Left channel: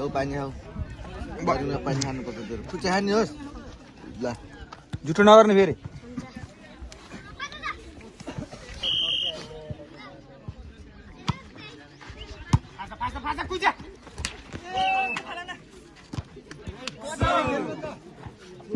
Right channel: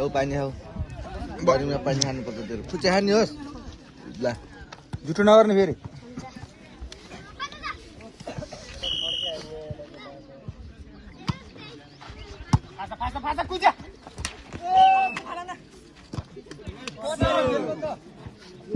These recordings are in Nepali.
Gấu pani hau. Baru pani han to betul. Kucahan yos. Lah. जुटो नगर्ने फेरि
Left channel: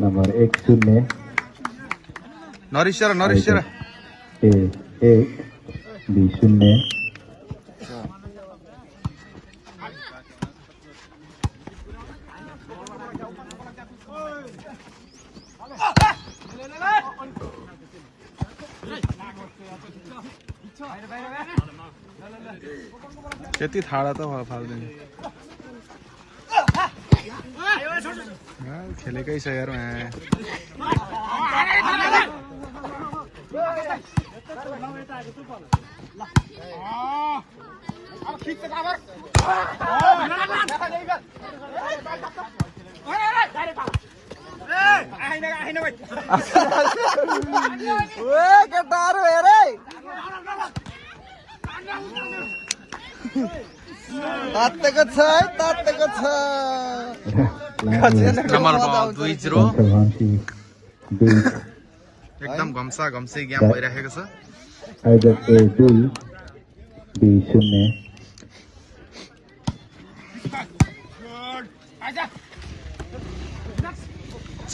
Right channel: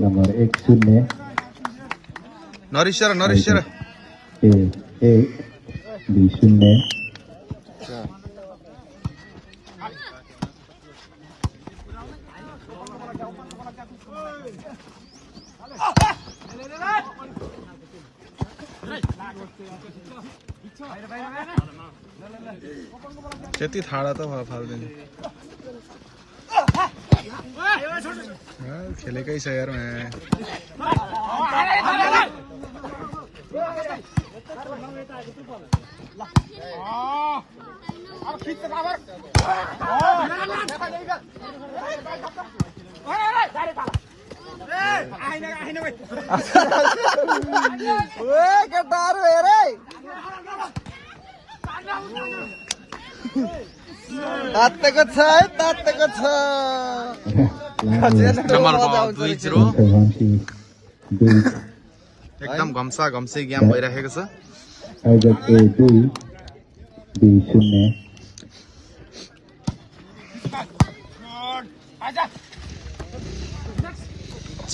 Nomor 1-0 Norishara di 0 त्यति थाडा त फाल्दैन खेलेकै छ यार नम्बर 2-0 एकदम घम्सा घम्से गेम भइरहेको छ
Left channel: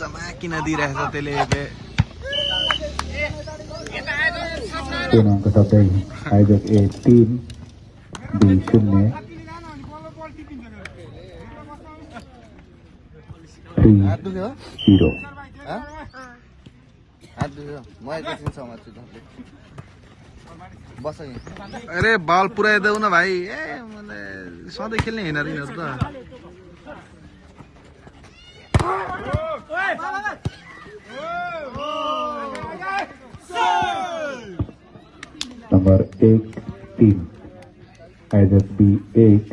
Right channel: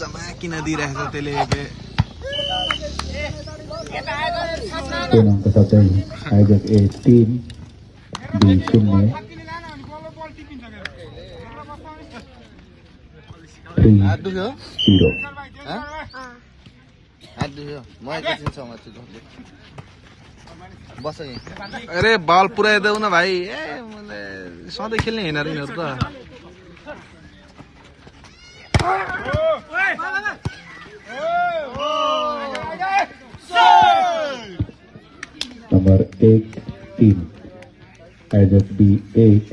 चमाकिन दिइरहेछ त्यसले अरे बल पुऱ्याइदेऊ न भाइ सधैँ खेल्ने होइन यिनीहरू त Nomor 18 either B8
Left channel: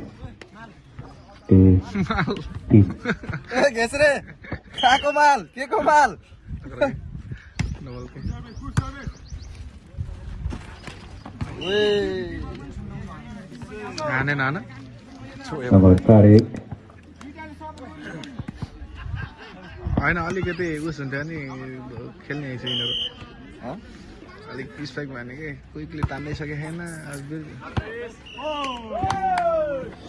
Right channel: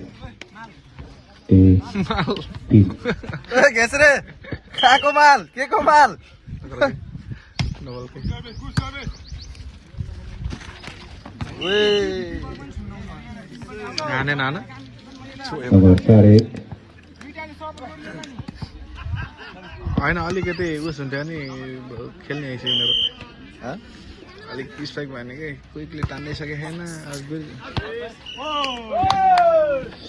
A10 Gesre. Kako mal? Ke ko mal? नाना Nomor 5 होइन अलिकति उस हुन्थ्यो नि खेल्ने रहेछ यिनीहरू अलिक स्ट्राइक भयो कि क्विकली तान्दै सके छैन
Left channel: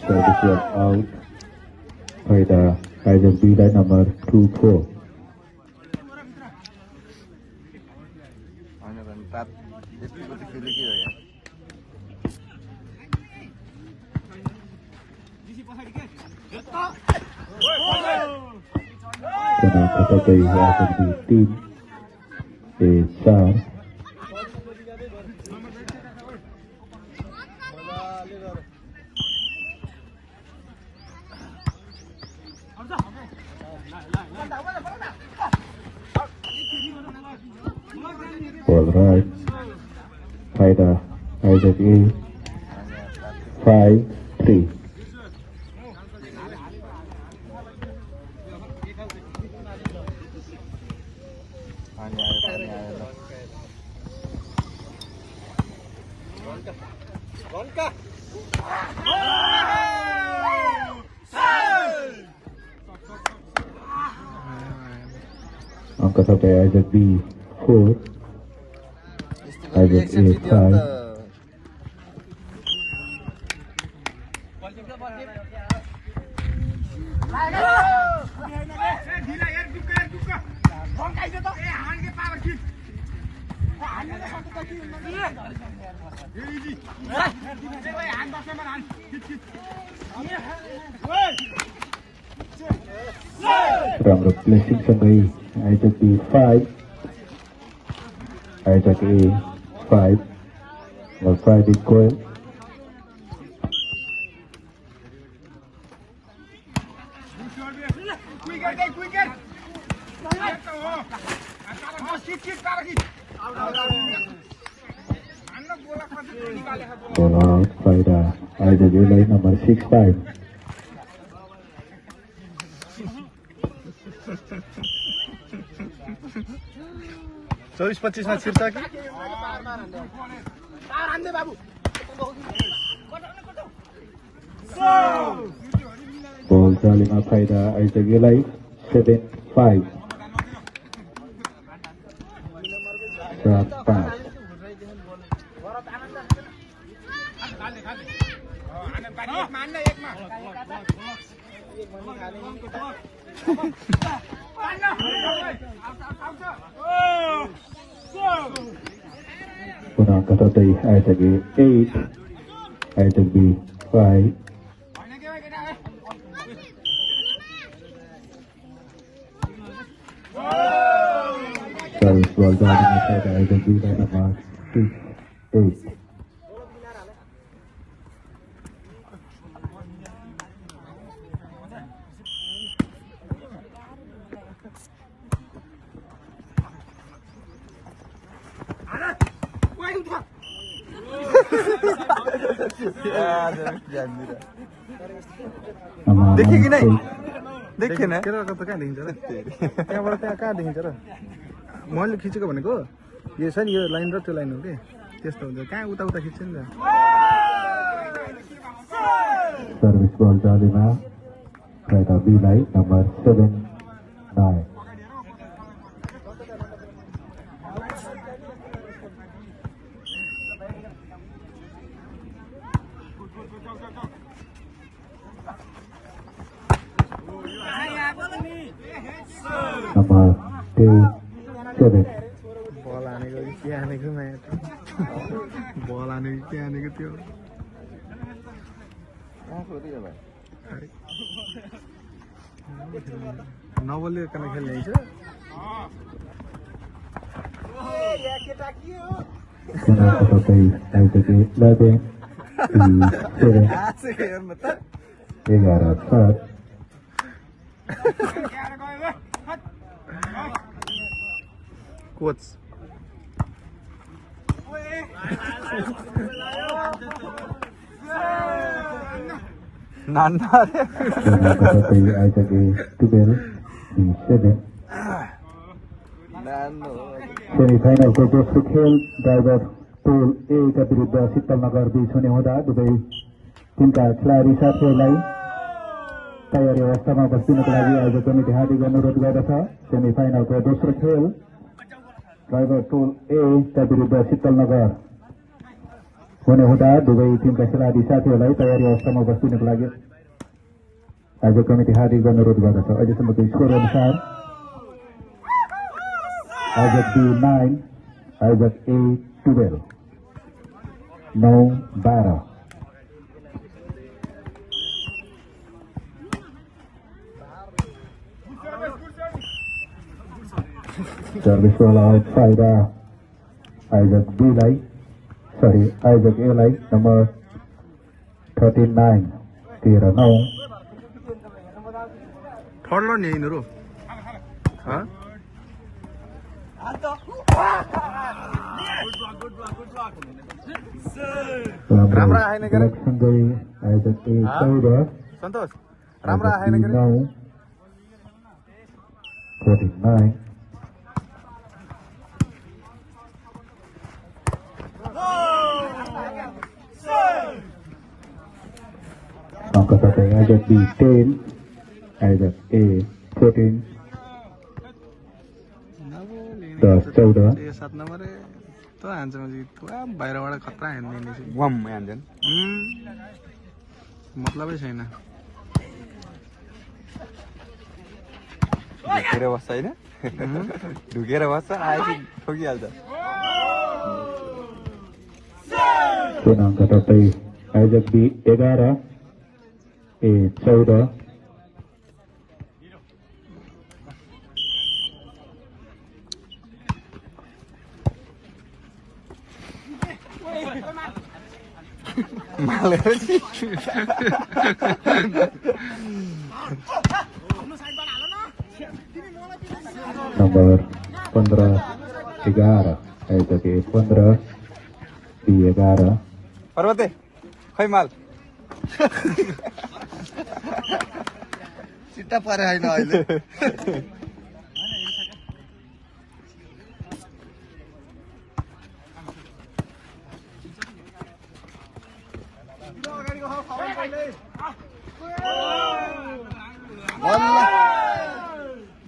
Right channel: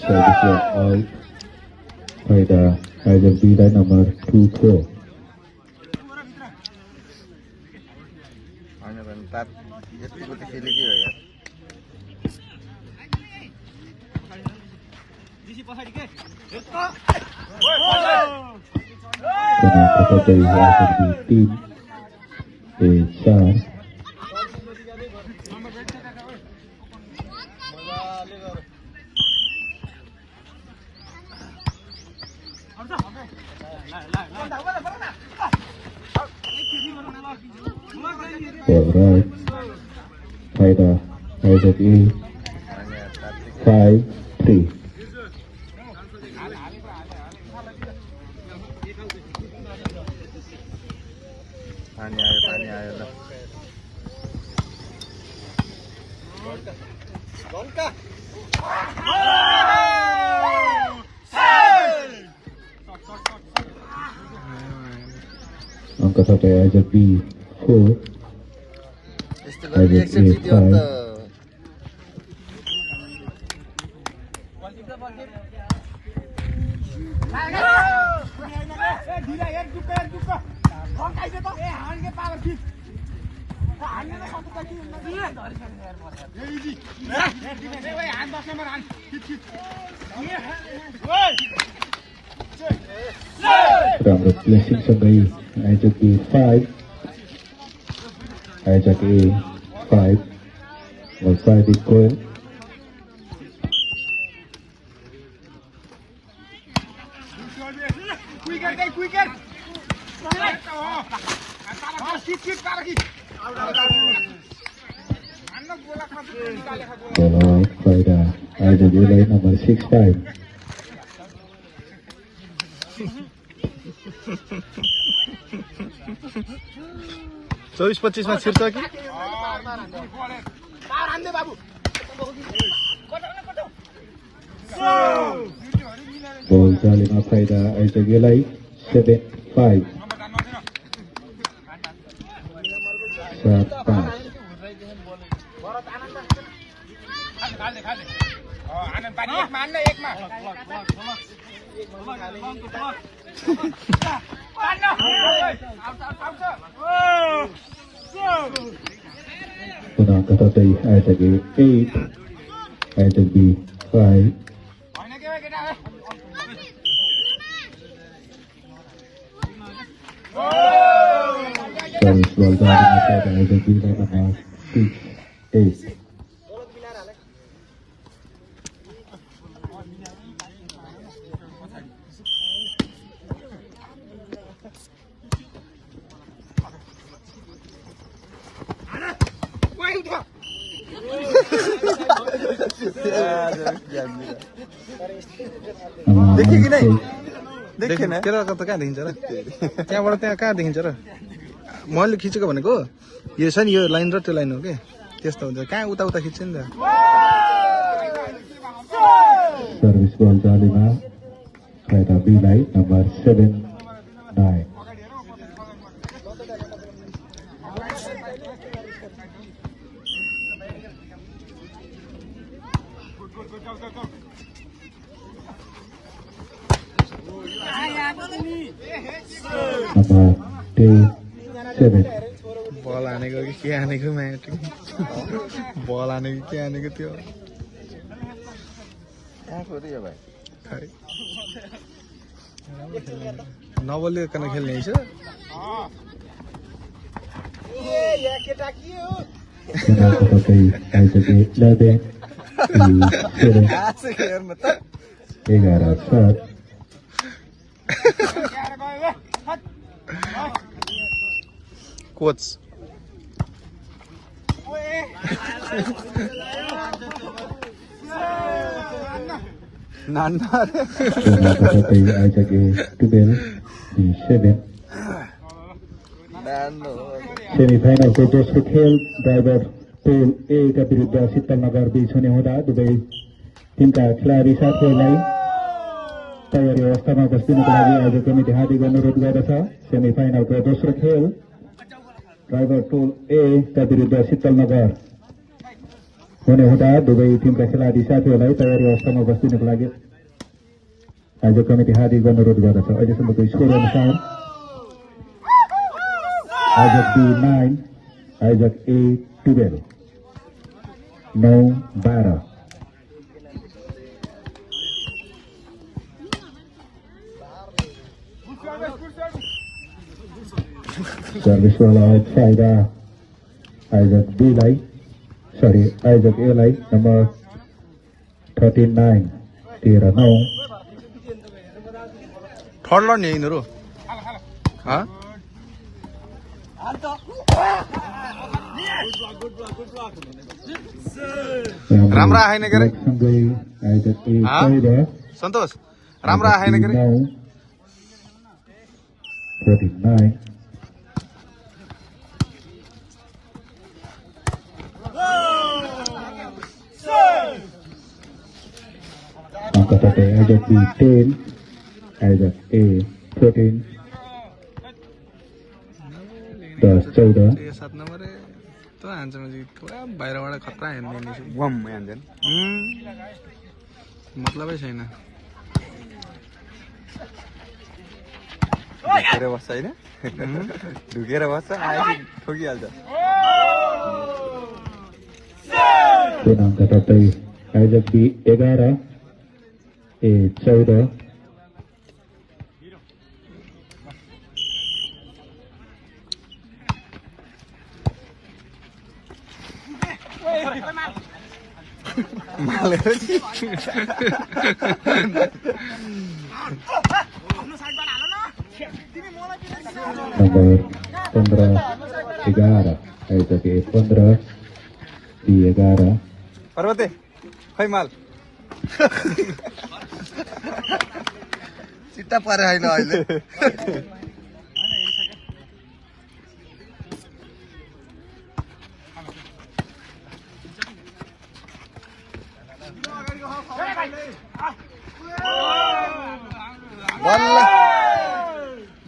service out with either B by number 2-4 Ana bentar. Jadi ikut खेले के हो यार Jadi kita dari tim A4 Alright, either A 5-3 पानी आयो ल angka sampai either B4 either A5 From replacing sampai either B5 either A5 or 5 is going either delay number 6-5 24-25 मा छिर्छ कि ball फाइदा आइसकेलाई 7-5 7-5 Penang kata आइसके 8 आइसके 5 Service ball dari आइसके number 6-8 देखिन तेरा कता कहाँ देखिन्छ र त्यहाँबाट त्यहाँ कहाँ देखिन्छ र मैले खिचेको भनेको यो छ नि यो लाइन र त्यो लाइन हो के त्यस्तो हुन्छ कहाँ उता उता खिच्छ नि त सर्भिस बल जालीमा फाइदा बीलाई नम्बर 7-9 Number 2-7 बल हानेको कि के हानेको म्याट बल हानेको के हानेको त्यो राम्रो खेल्ने नबलिकन खेल्ने रहेछ कोच सेमिफाइनल को दोस्रो खेल ड्राइभर टोल ए का विरुद्ध शीतलनगर बीच हुने हुँदा दुवै टिमका खेलाडी साथीहरूलाई तयारी अवस्थामा बस्दिनको लागि आज कमिटी हार्दिक अनुरोध गर्दछ। सेमिफाइनलको दोस्रो खेल ड्राइभर टोल ए का विरुद्ध शीतलनगर हुने हुँदा दुवै टिमका खेलाडी साथीहरूलाई तयारी अवस्थामा बस्दिनको लागि आज कमिटी हार्दिक अनुरोध गर्दछ। अहिलेसम्मको स्कोर अनुसार आयोजक B 9 आयोजक A 12 9-12 सर्भिस वाला आउट फाइदा आयोजक B लाई आयोजक A लाई नंबर 39 13-9 थर्ड लर्न यिनीहरू राम्रा आएन के सन्तोष राम्रा आएन के 49 आयोजक B 10 आयोजक A 14 10-14 7 नम्बर त हान्छ मैले पुरा बाहिरबाट खतरा हान्दिने छु बम हान्दैन मतलबै छैन ढुकेर बस्छ हैन ढुकेर बस्छ आएपछि ठोकिहाल्छ पूर्णाङ्क तर्दै आयोजक B 11 A 14 नंबर 15-11 आयोजक A 15 B 11 पर्वते खै माल सिता पारे हैन अहिले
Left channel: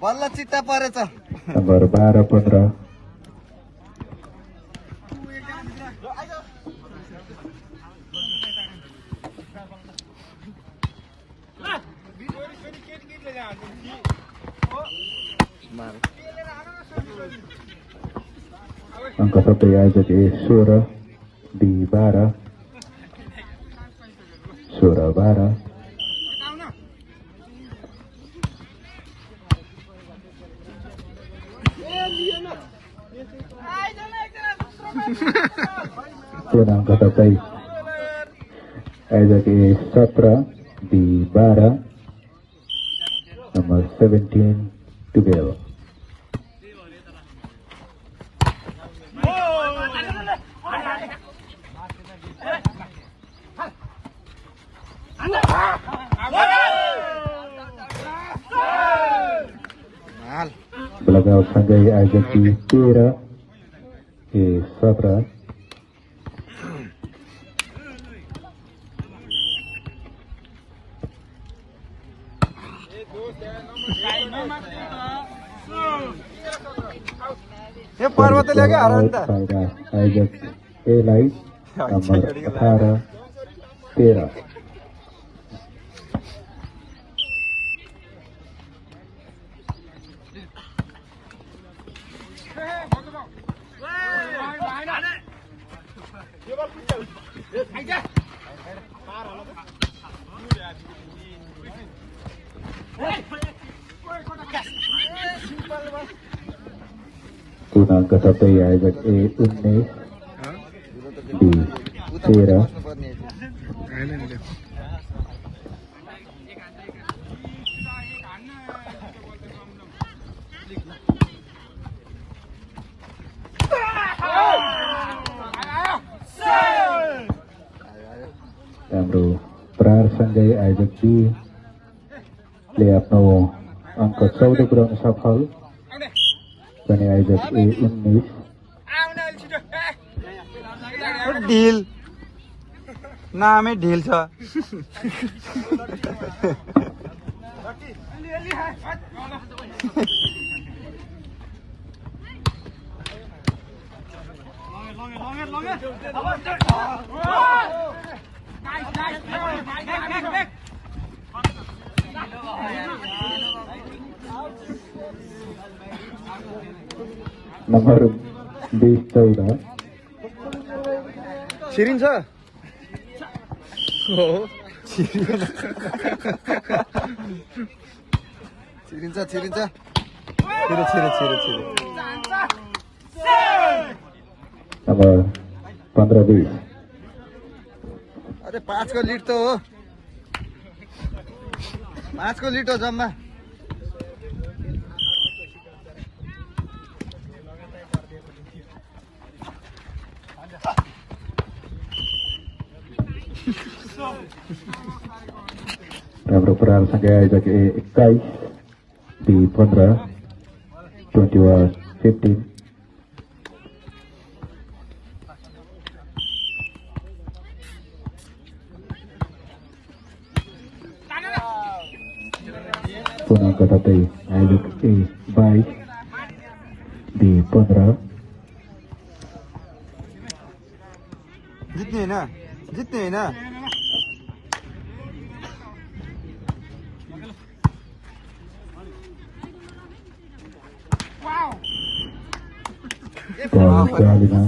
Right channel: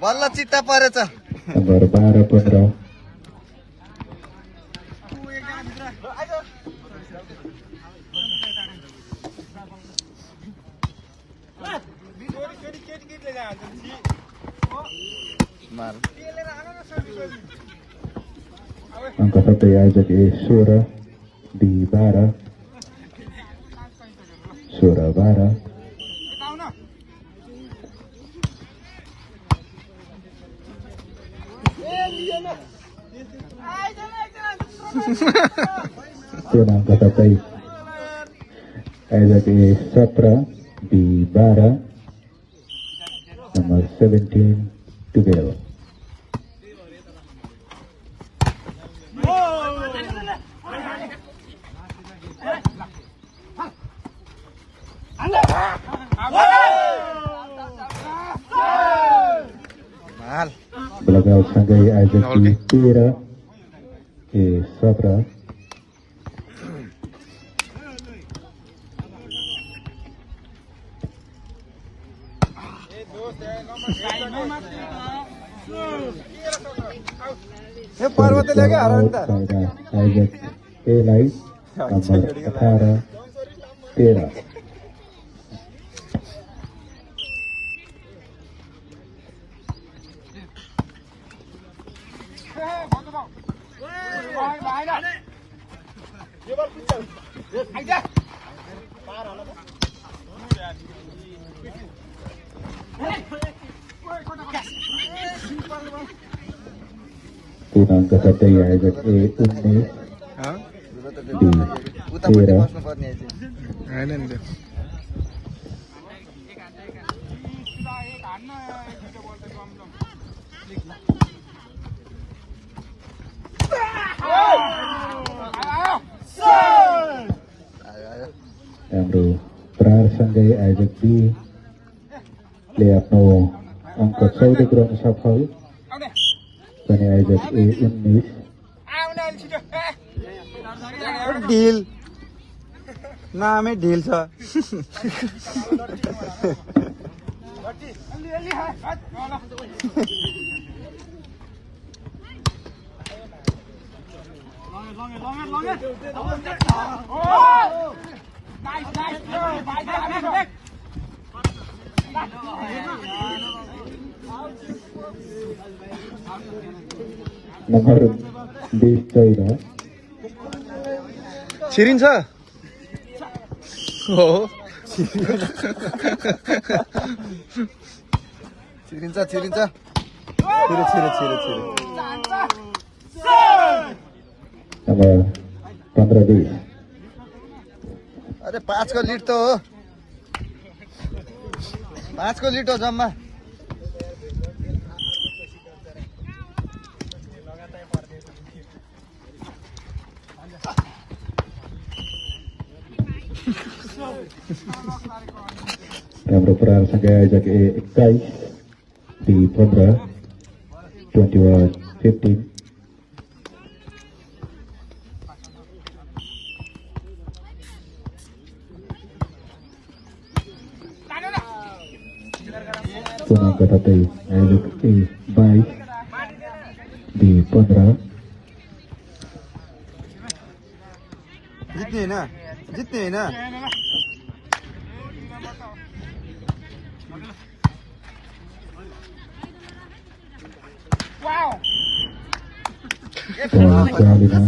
बल्ल चित्त परेछ number 12-15 angka 1 aja di Sura di Bara Surabaya dan angka 1 aja di Satra di Bara nomor 17 to Bell. Belakang Sanjay Ajak di Tira di Sabra. ये पर्वत लेके आ रहा है Ajak Elai nomor 18 Tira. Tunang kesatria Ajak Ummeh di Tira. आएन नि Lalu Prar Sanjay Ajak di lihat no angka 14 kurang safal. Sani Ajak Ummeh ढिल नामै ढिल छ nomor 14 छिरिन्छ हो छिरिन्छ छिरिन्छ nomor 15 अरे 5 को लीड तो हो 5 को लीड हो जम्मा Lalu Prar Sanjay Ajak 21 di 15 21-15. Tunang kesatria Ajak baik di 15. जित्ने हैन जित्ने हैन Dan kelima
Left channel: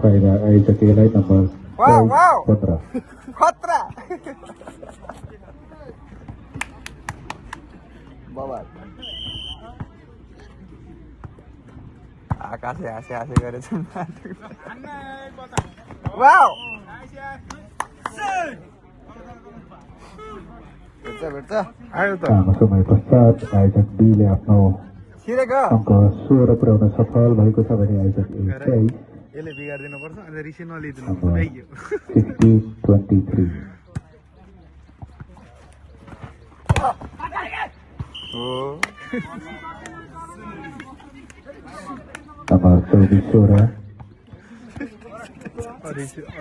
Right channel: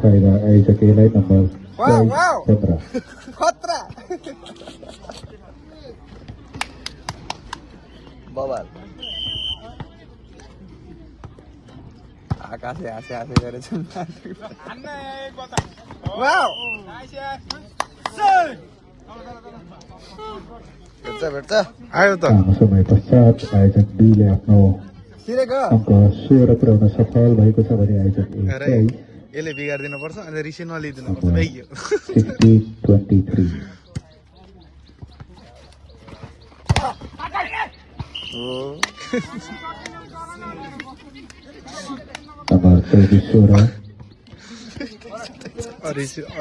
pada Ajak nomor wow 15. खतरा बाबा आकाशले हाँसे हाँसे गरेछ वाउ भेट्छ आयो त समय पश्चात Ajak lihat no छिरेको angka 16 purawna safal भएको छ भने Ajak अरे यसले बिगार्दिनु पर्छ अनि रिसी नलिदिनु पर्छ भइगयो 60-23. Nomor 7 Sura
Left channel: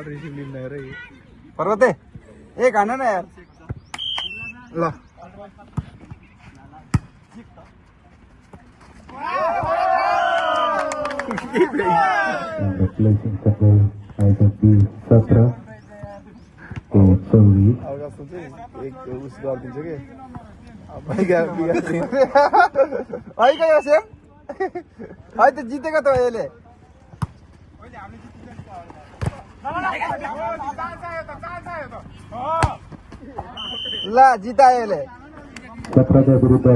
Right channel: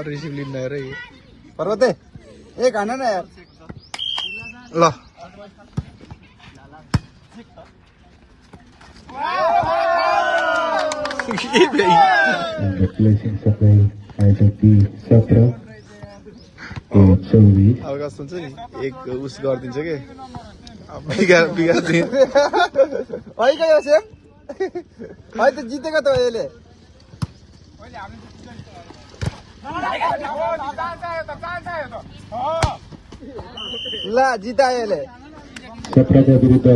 रिसी लिन्न अरे पर्वते एक हान्नु न यार ल And the placing supply जति 17 24 अवकाश हुन्छ नि एक उस गरिदिन्छ के बिगार्दिन है क्या सेम है त जितेको त अहिले ल जितायो अहिले 17 का विरुद्ध